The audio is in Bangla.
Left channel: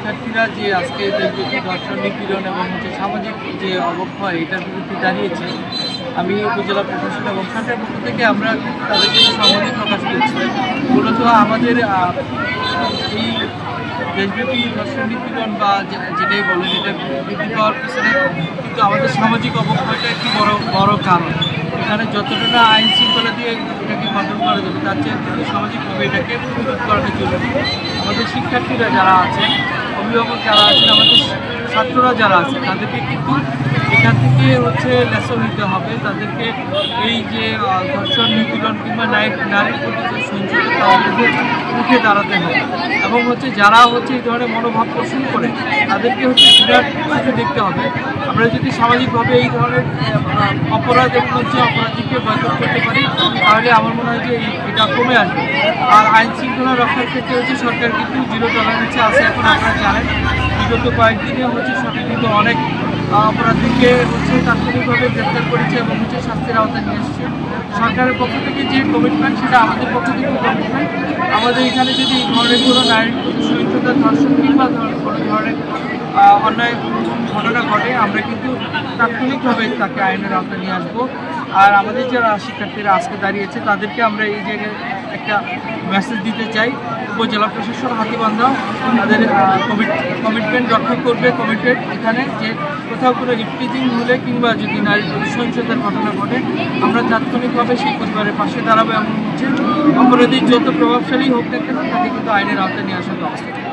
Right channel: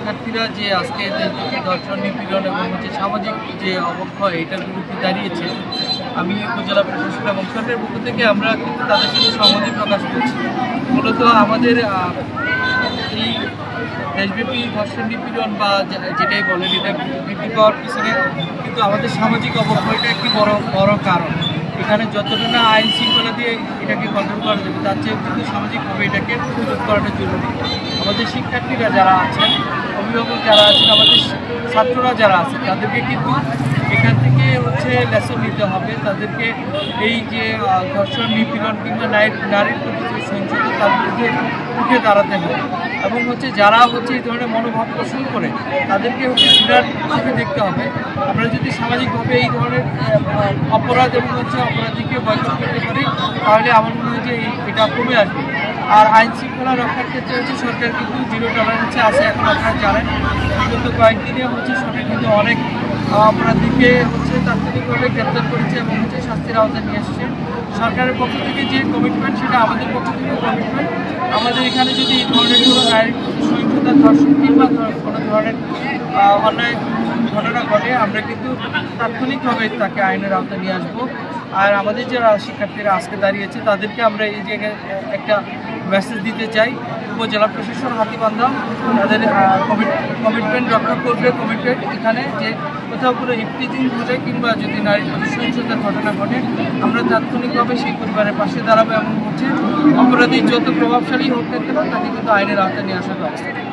শিক্ষার্থীরা যে আজকে দেশব্যাপী ধর্ষণ, নিপীড়ন এবং সামাজিক যে অবক্ষয় এটার বিরুদ্ধে দাঁড়িয়েছে, আমি উপজেলা প্রশাসন এবং সরকারের পক্ষ থেকে আমরা কিন্তু তাদের জন্য সংহতি প্রকাশ করছি। মূলত আমাদের এই দেশব্যাপী ধর্ষণ, নিপীড়ন বা যেটাই বলেন, এটা বৃদ্ধি পাওয়ার পিছনে কিন্তু আমাদের সামাজিক অবক্ষয়টা একটি বড় কারণ। এখানে যতটা না আইন শৃঙ্খলা দিয়ে এটাকে কন্ট্রোল করা যাবে, তার চেয়ে কিন্তু সামাজিকভাবে এটাকে প্রতিরোধ করাটা জরুরি। আমাদের শিক্ষার্থীরা যারা আছেন, অভিভাবক যারা আছেন, আমাদের ছাত্ররা যারা আছে, তাদেরকে কিন্তু এখান থেকে লেসন নিতে হবে। তাদেরকে এই যে ধর্ষণ, নিপীড়ন কিংবা নারীর প্রতি যে সহিংসতা, তার বিরুদ্ধে উঠে দাঁড়াতে হবে এবং যারা এই ধরনের মনোভাব পোষণ করে তাদেরকে ঘৃণার চোখে দেখতে হবে। আমরা যদি সামাজিকভাবে এই ধরনের অপরাধ এবং অপরাধীকে বয়কট করতে পারি, তাহলে আমার মনে হয় যে এটা কমে আসবে। আর আইন শৃঙ্খলা রক্ষার ক্ষেত্রে সরকার কিন্তু জিরো টলারেন্সে আছে। এখন আপনারা জানেন, বিগত কয়েকদিনে সরকার কিন্তু অনেক অপরাধীকে তাৎক্ষণিকভাবে গ্রেপ্তার করেছে এবং শাস্তির আওতায় নিয়ে এসেছে। সরকারের পক্ষ থেকে যে কমিটমেন্ট, সেটা আমাদের পক্ষ থেকেও কমিটমেন্ট। আমাদের এখানে যদি এই ধরনের কোনো নারীর প্রতি সহিংসতা, ধর্ষণ কিংবা কোনো ধরনের অন্যায় ঘটনা ঘটে, আমরা কিন্তু তাৎক্ষণিকভাবে তাকে আইনের আওতায় নিয়ে আসবো। আর আমাদের যারা শিক্ষার্থীরা আজকে দাঁড়িয়েছে, তাদেরকে আমরা এই জায়গায় একটা মেসেজ দিতে চাই। উপজেলা প্রশাসন হাতিবান্ধা তাদের কমিটমেন্ট রক্ষা করবে। কমিটমেন্ট এখানে যে কোথাও কোনো ইফটিজিং হলে কিংবা যদি নারীর প্রতি সহিংসতার ঘটনা ঘটে, আমরা তাৎক্ষণিকভাবে সেই পরিবারের পাশে দাঁড়াবো। এমন অপরাধী যত প্রভাবশালী হোক না কেন, তাকে কিন্তু আইনের আওতায় নিয়ে আসার ব্যবস্থা করবে।